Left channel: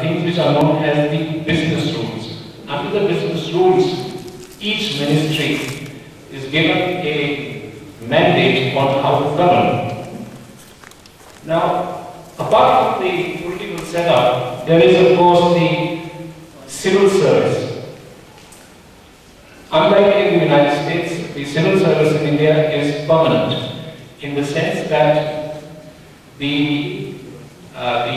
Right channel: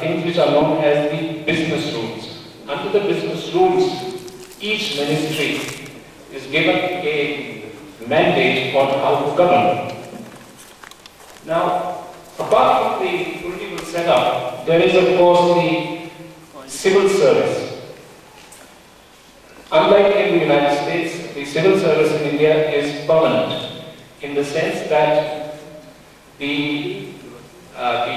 things which are known as the business rules. Under the business rules, each ministry is given a mandate on how to govern. Now, apart from the political setup, there is of course the civil service. Unlike in the United States, the civil service in India is permanent in the sense that the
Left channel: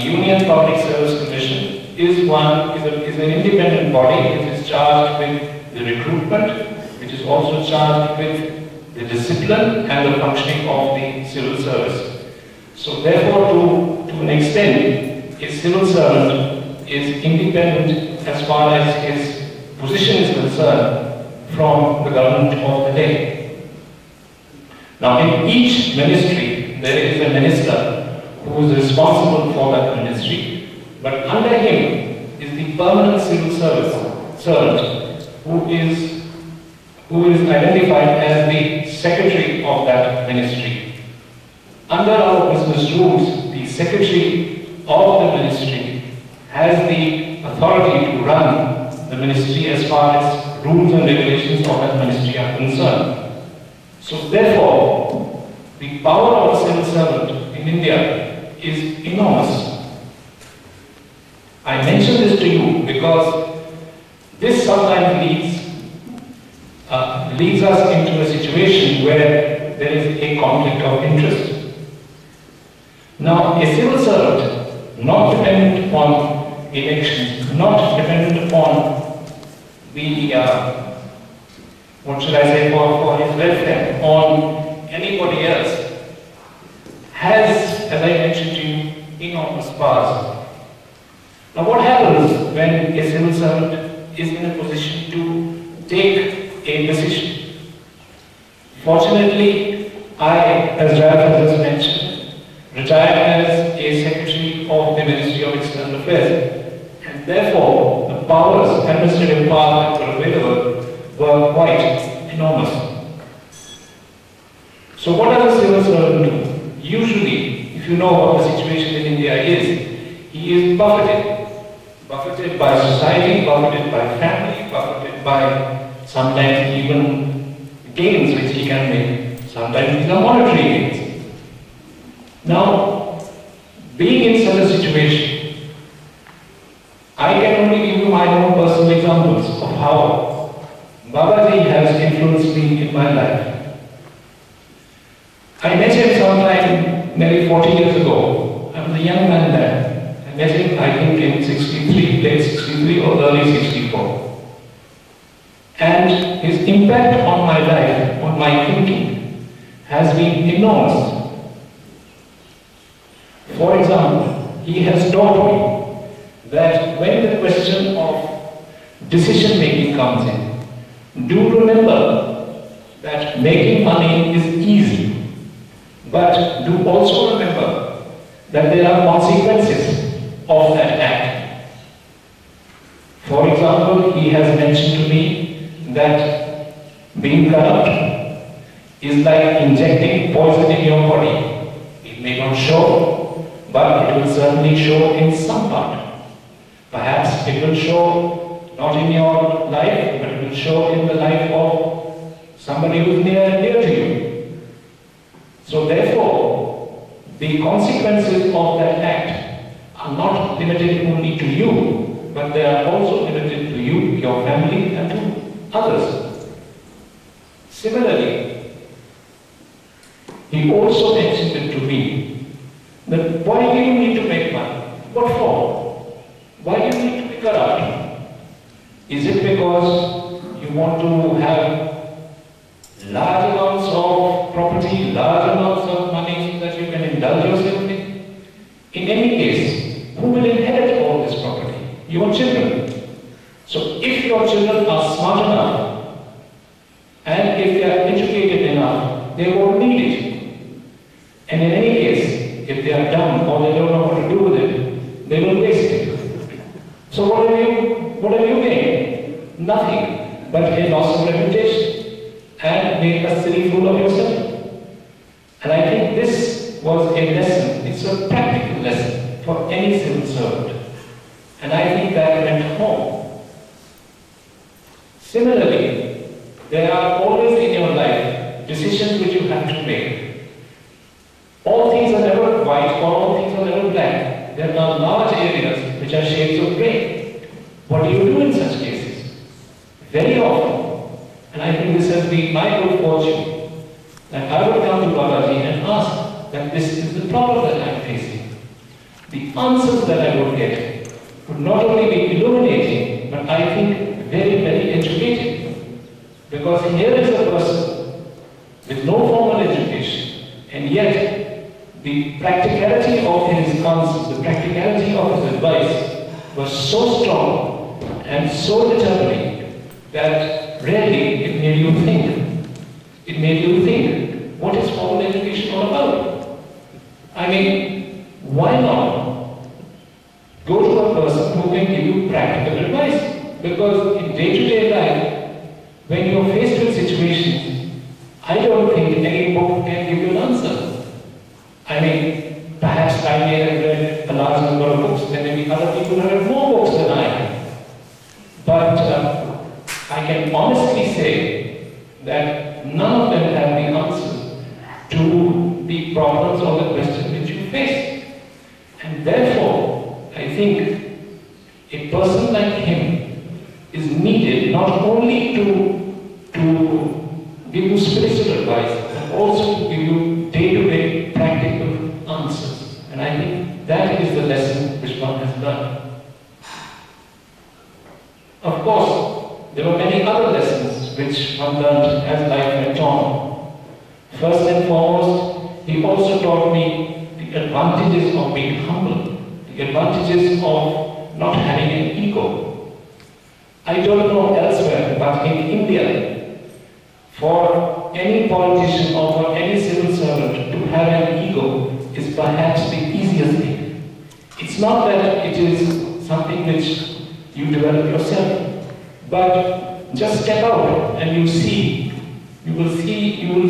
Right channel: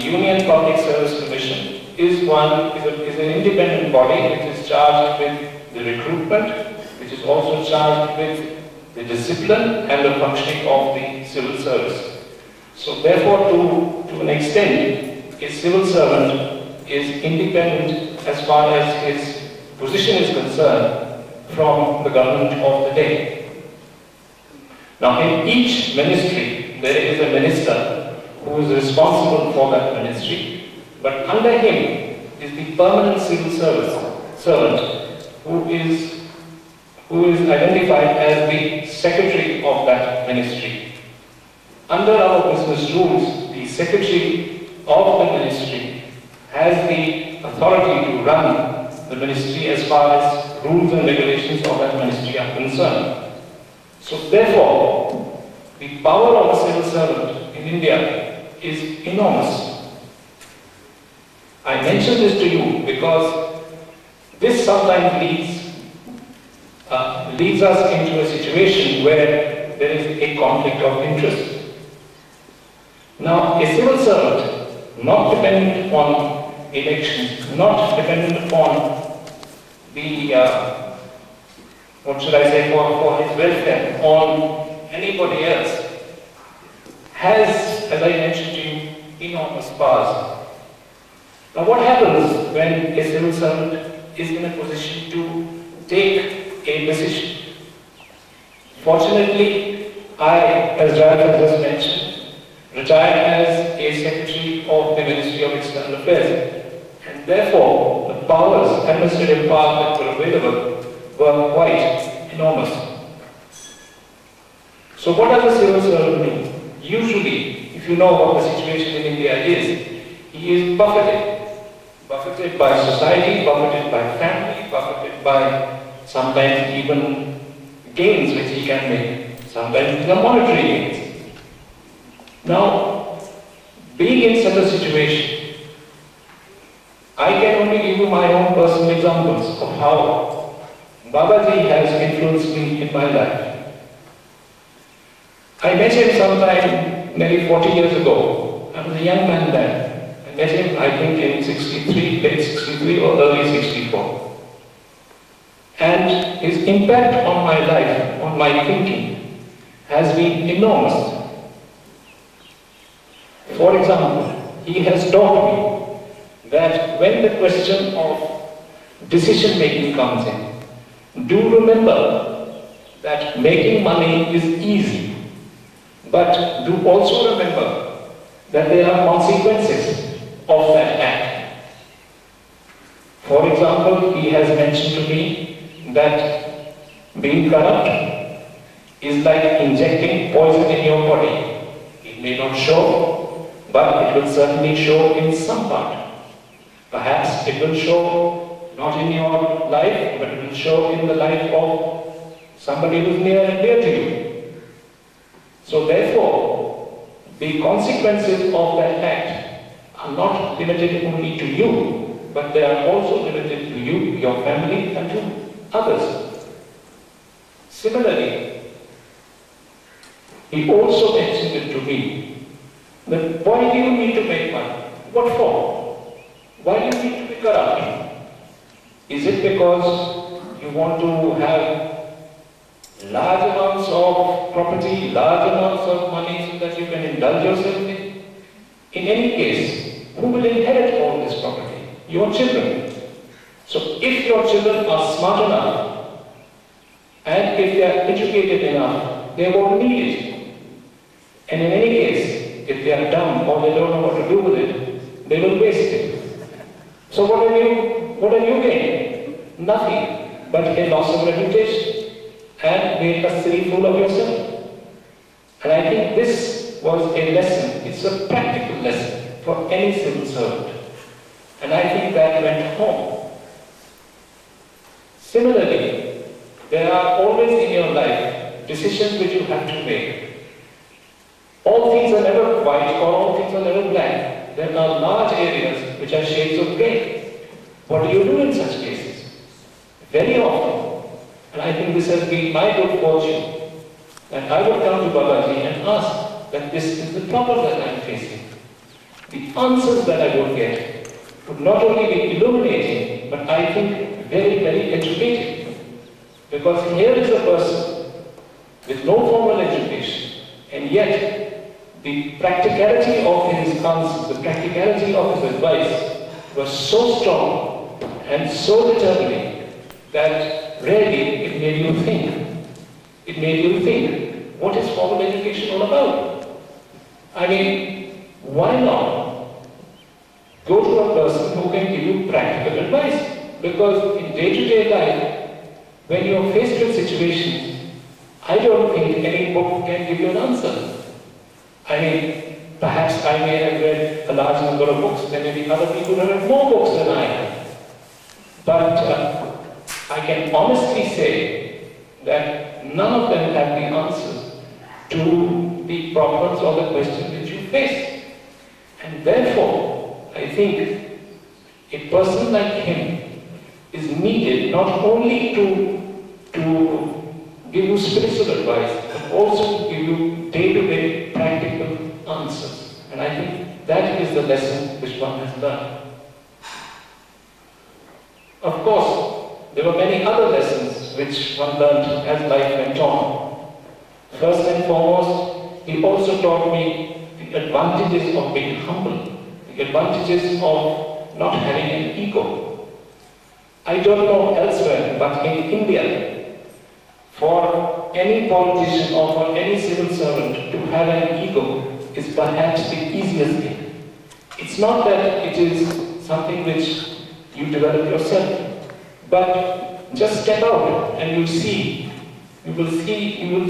Union Public Service Commission is an independent body which is charged with the recruitment, which is also charged with the discipline and the functioning of the civil service. So therefore, to an extent, a civil servant is independent as far as his position is concerned from the government of the day. Now, in each ministry, there is a minister who is responsible for that ministry, but under him is the permanent civil servant who is identified as the secretary of that ministry. Under our business rules, the secretary of the ministry has the authority to run the ministry as far as rules and regulations of that ministry are concerned. So therefore, the power of a civil servant in India is enormous. I mention this to you because this sometimes leads us into a situation where there is a conflict of interest. Now, a civil servant, not dependent upon elections, not dependent upon the, what should I say, for his welfare, on anybody else, has, as I mentioned to you, enormous powers. Now, what happens when a civil servant is in a position to take a decision? Fortunately, I, as Ralph has just mentioned, retired as a secretary of the Ministry of External Affairs, and therefore the powers, administrative powers that were available were quite enormous. So what does a civil servant do? Usually, if you know what the situation in India is, he is buffeted by society, buffeted by family, buffeted by sometimes even gains which he can make, sometimes the monetary gains. Now, being in such a situation, I can only give you my own personal examples of how Babaji has influenced me in my life. I met him sometime nearly 40 years ago. I was a young man then. I met him, I think, in 63, late 63 or early 64. And his impact on my life, on my thinking, has been enormous. For example, he has taught me that when the question of decision making comes in, do remember that making money is easy, but do also remember that there are consequences of that act. For example, he has mentioned to me that being corrupt is like injecting poison in your body. It may not show, but it will certainly show in some part. Perhaps it will show not in your life, but it will show in the life of somebody who is near and dear to you. So therefore, the consequences of that act are not limited only to you, but they are also limited to you, your family, and to others. Similarly, he also mentioned it to me that why do you need to make money? What for? Why do you need to be corrupt? Is it because you want to have large amounts of property, large amounts of money so that you can indulge yourself in? In any case, who will inherit all this property? Your children. So if your children are smart enough and if they are educated enough, they won't need it. And in any case, if they are dumb or they don't know what to do with it, they will waste it. So what have you gained? Nothing but a loss of reputation and make a silly fool of yourself. And I think this was a lesson, it's a practical lesson for any civil servant. And I think that went home. Similarly, there are always in your life decisions which you have to make. All things are never white or all things are never black. There are large areas which are shades of grey. What do you do in such cases? Very often, and I think this has been my good fortune, that I would come to Babaji and ask that this is the problem that I am facing. The answers that I would get would not only be illuminating, but I think very, very educating. Because here is a person with no formal education, and yet the practicality of his answers, the practicality of his advice was so strong and so determining that really it made you think. It made you think, what is formal education all about? I mean, why not go to a person who can give you practical advice? Because in day-to-day life, when you are faced with situations, I don't think any book can give you an answer. I mean, perhaps I may have read a large number of books, there may be other people who have more books than I have. But I can honestly say that none of them have the answers to the problems or the questions which you face. And therefore, I think a person like him is needed not only to give you spiritual advice, but also to give you day-to-day practical answers. And I think that is the lesson which one has learned. Of course, there were many other lessons which one learned as life went on. First and foremost, he also taught me the advantages of being humble, the advantages of not having an ego. I don't know elsewhere, but in India, for any politician or for any civil servant to have an ego is perhaps the easiest thing. It's not that it is something which you develop yourself, but just step out and you will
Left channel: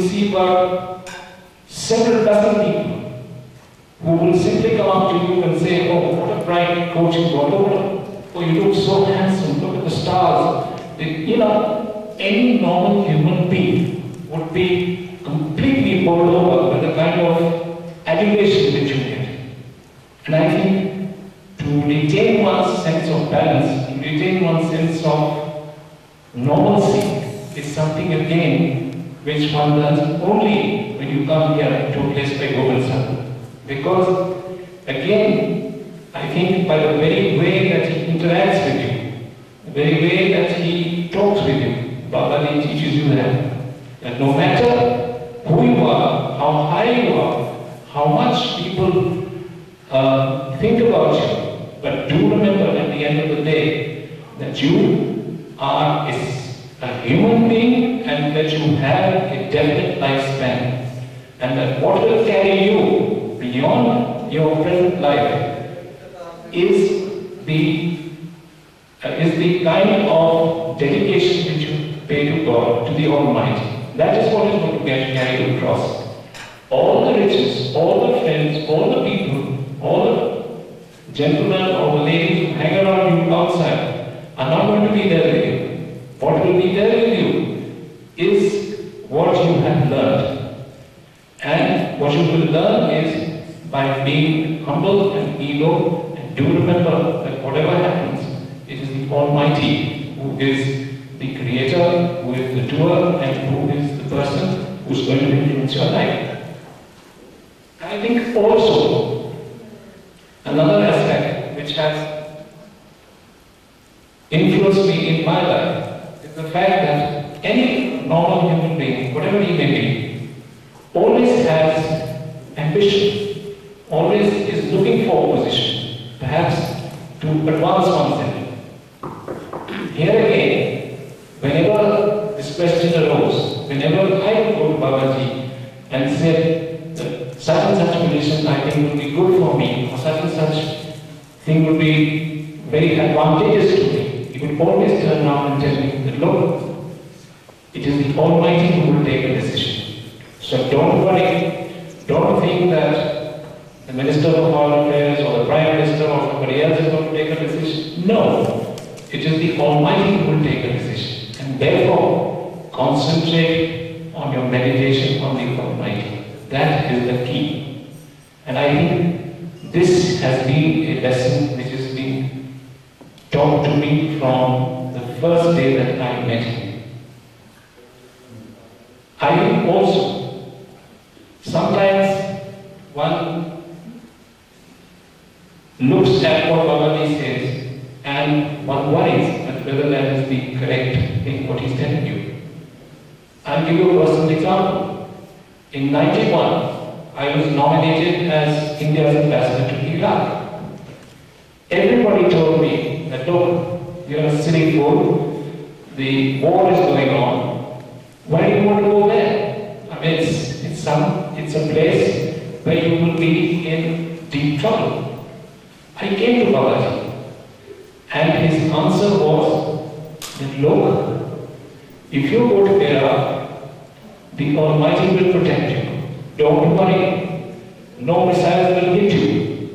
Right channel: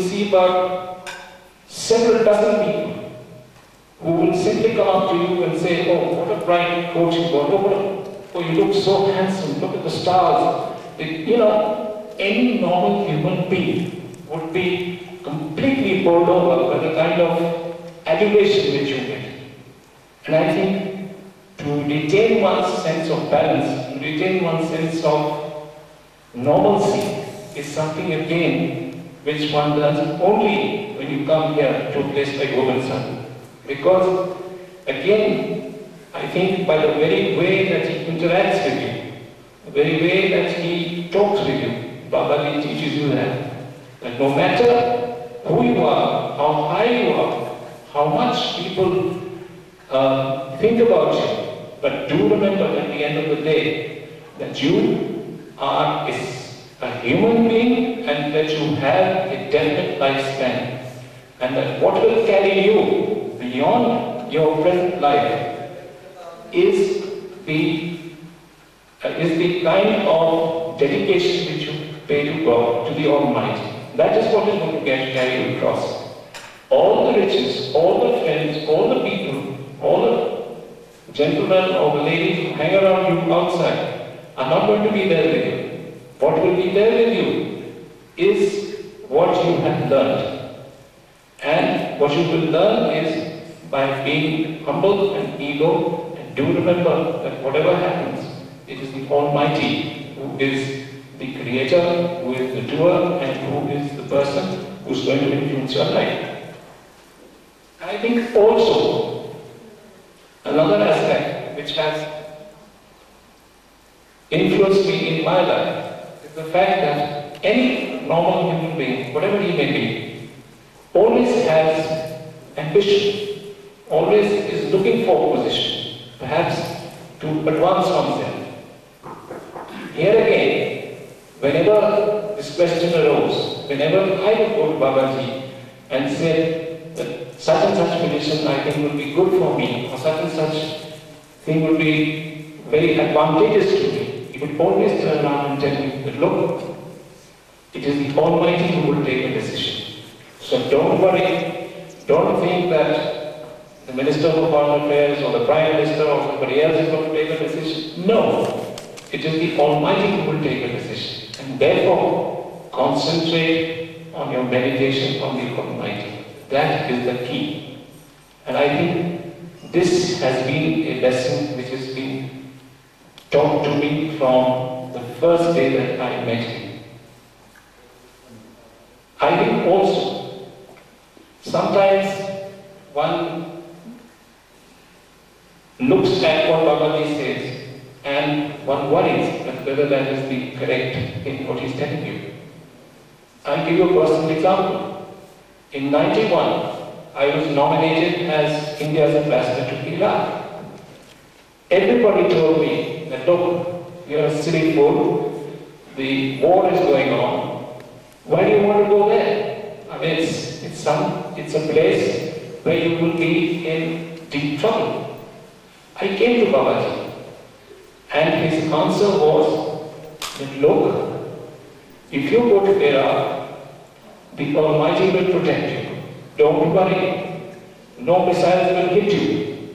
see about several dozen people who will simply come up to you and say, oh, what a bright coat you got, oh, you look so handsome, look at the stars. Any normal human being would be completely bowled over by the kind of adulation which you get. And I think to retain one's sense of balance, to retain one's sense of normalcy is something again which one learns only when you come here to a place like Gobind Sadan. Because again, I think by the very way that he interacts with you, the very way that he talks with you, Babaji teaches you that no matter who you are, how high you are, how much people think about you, but do remember at the end of the day that you are a human being and that you have a definite lifespan, and that what will carry you beyond your present life is the kind of dedication which you pay to God, to the Almighty. That is what is going to carry you across. All the riches, all the friends, all the people, all the gentlemen or the ladies who hang around you outside are not going to be there with you. What will be there with you is what you have learned. And what you will learn is by being humble and ego, and do remember that whatever happens, it is the Almighty who is the creator, who is the doer, and who is the person who is going to influence your life. I think also another aspect which has influenced me in my life is the fact that any normal human being, whatever he may be, always has ambition, always is looking for a position, perhaps to advance oneself. Here again, whenever this question arose, whenever I would go to Babaji and say that such and such position I think would be good for me, or such and such thing would be very advantageous to me, he would always turn around and tell me that, look, it is the Almighty who will take the decision. So don't worry, don't think that the Minister of Foreign Affairs or the Prime Minister or somebody else is going to take a decision. No. It is the Almighty who will take a decision. And therefore, concentrate on your meditation on the Almighty. That is the key. And I think this has been a lesson which has been taught to me from the first day that I met him. I think also, sometimes one looks at what Babaji says and one worries that whether that is the correct in what he's telling you. I'll give you a personal example. In 91, I was nominated as India's ambassador to Iraq. Everybody told me that, look, you're a silly fool, the war is going on, why do you want to go there? I mean, it's a place where you will be in deep trouble. I came to Babaji, and his answer was that, look, if you go to Iraq, the Almighty will protect you. Don't worry. No missiles will hit you.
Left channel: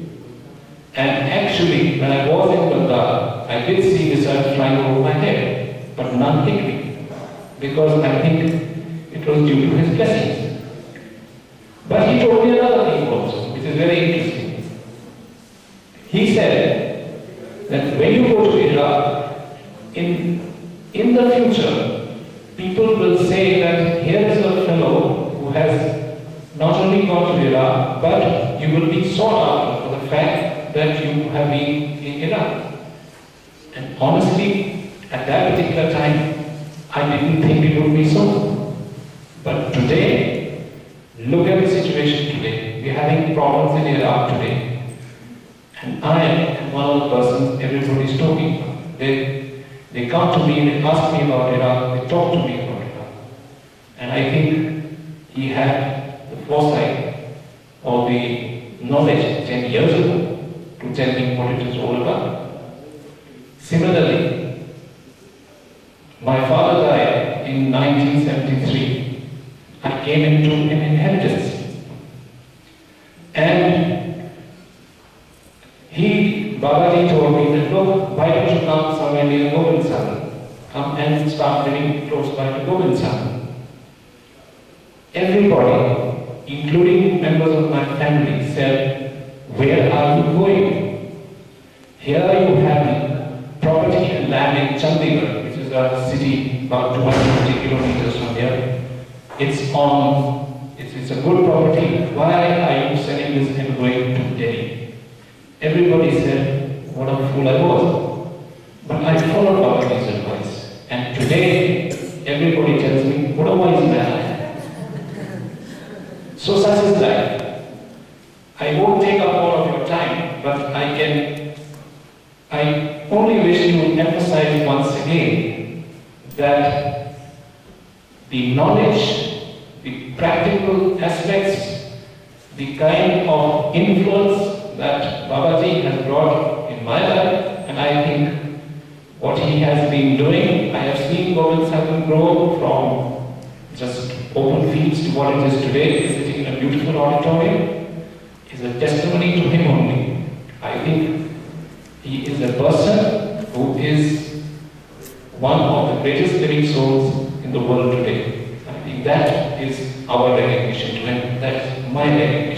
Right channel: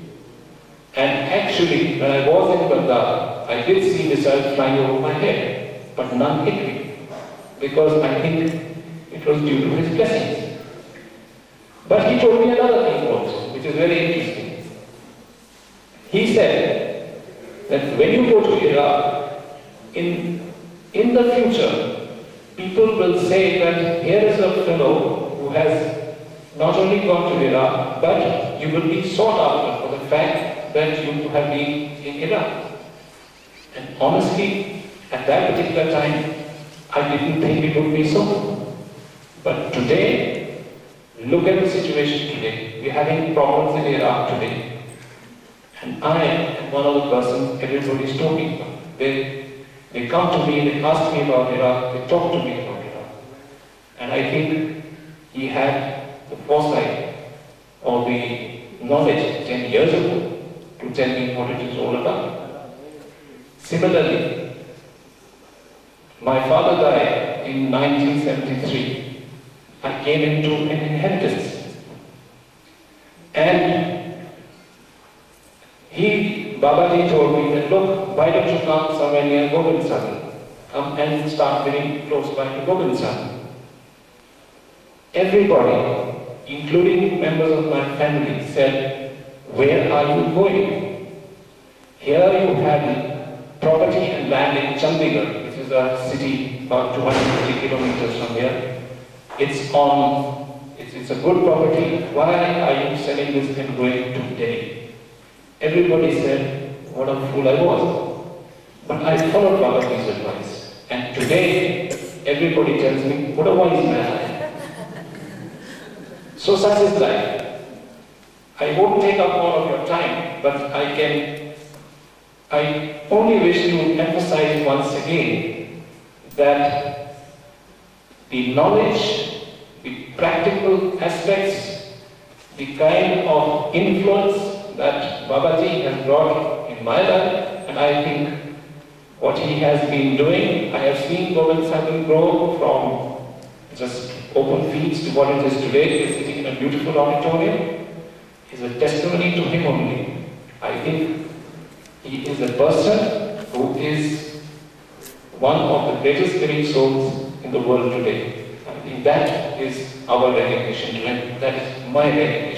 And actually, when I was in Baghdad, I did see missiles flying over my head, but none hit me, because I think it was due to his blessings. But he told me another thing also, which is very interesting. He said that when you go to Iraq, in the future, people will say that here is a fellow who has not only gone to Iraq, but you will be sought after for the fact that you have been in Iraq. And honestly, at that particular time, I didn't think it would be so. But today, look at the situation today. We're having problems in Iraq today. And I am one of the persons everybody's talking about. They come to me, they ask me about Iraq, they talk to me about Iraq. And I think he had the foresight or the knowledge 10 years ago to tell me what it is all about. Similarly, my father died in 1973. I came into an inheritance. And Babaji told me that, look, why don't you come somewhere near Gobind Sadan? Come and start living close by to Gobind Sadan. Everybody, including members of my family, said, where are you going? Here you have property and land in Chandigarh, which is a city about 250 kilometers from here. It's a good property. Why are you selling this and going to Delhi? Everybody said, what a fool I was. But I followed Babaji's advice. And today, everybody tells me, what a wise man I am. So such is life. I won't take up all of your time, but I only wish to emphasize once again that the knowledge, the practical aspects, the kind of influence that Babaji has brought in my life, and I think what he has been doing, I have seen Gobind Sadan grow from just open fields to what it is today, sitting in a beautiful auditorium, is a testimony to him only. I think he is a person who is one of the greatest living souls in the world today. I think that is our recognition to him. That is my recognition.